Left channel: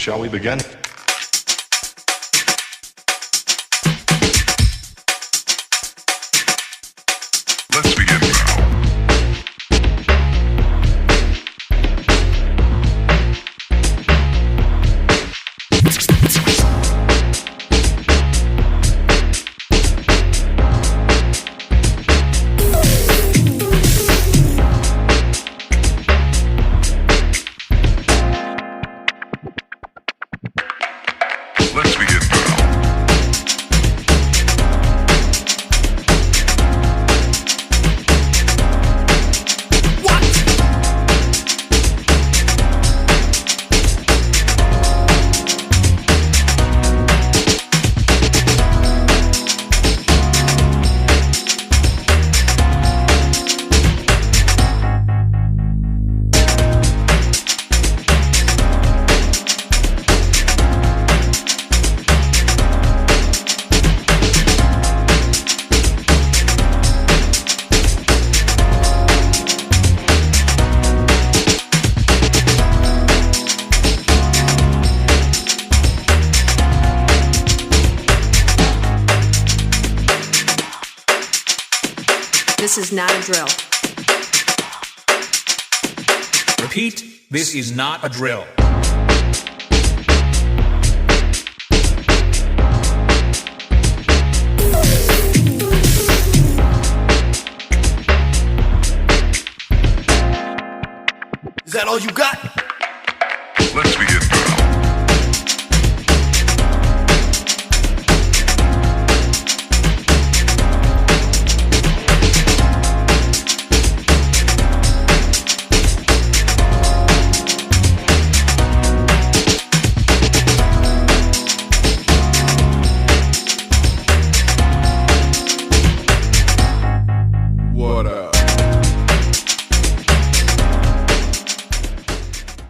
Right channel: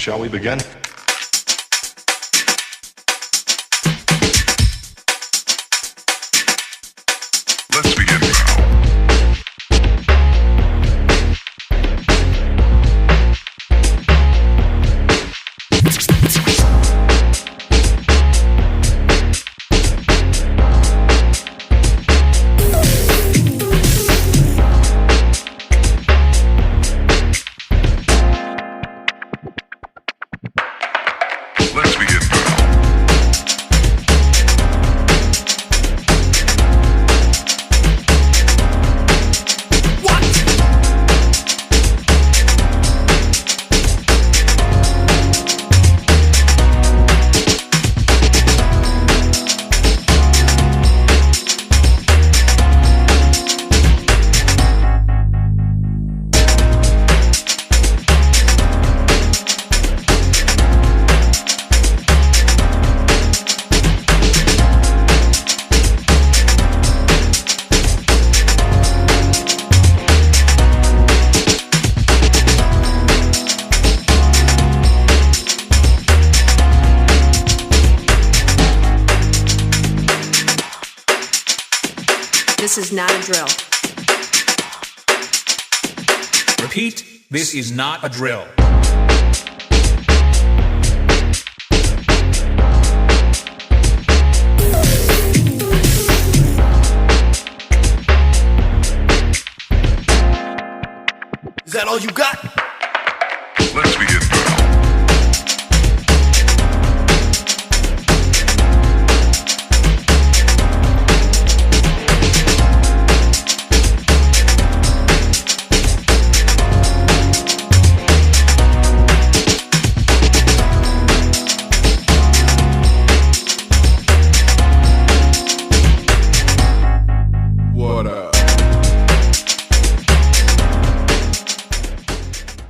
Shall we begin? Let's begin now. Let's begin now. What? This is not a drill. Repeat, this is not a drill. Is that all you got?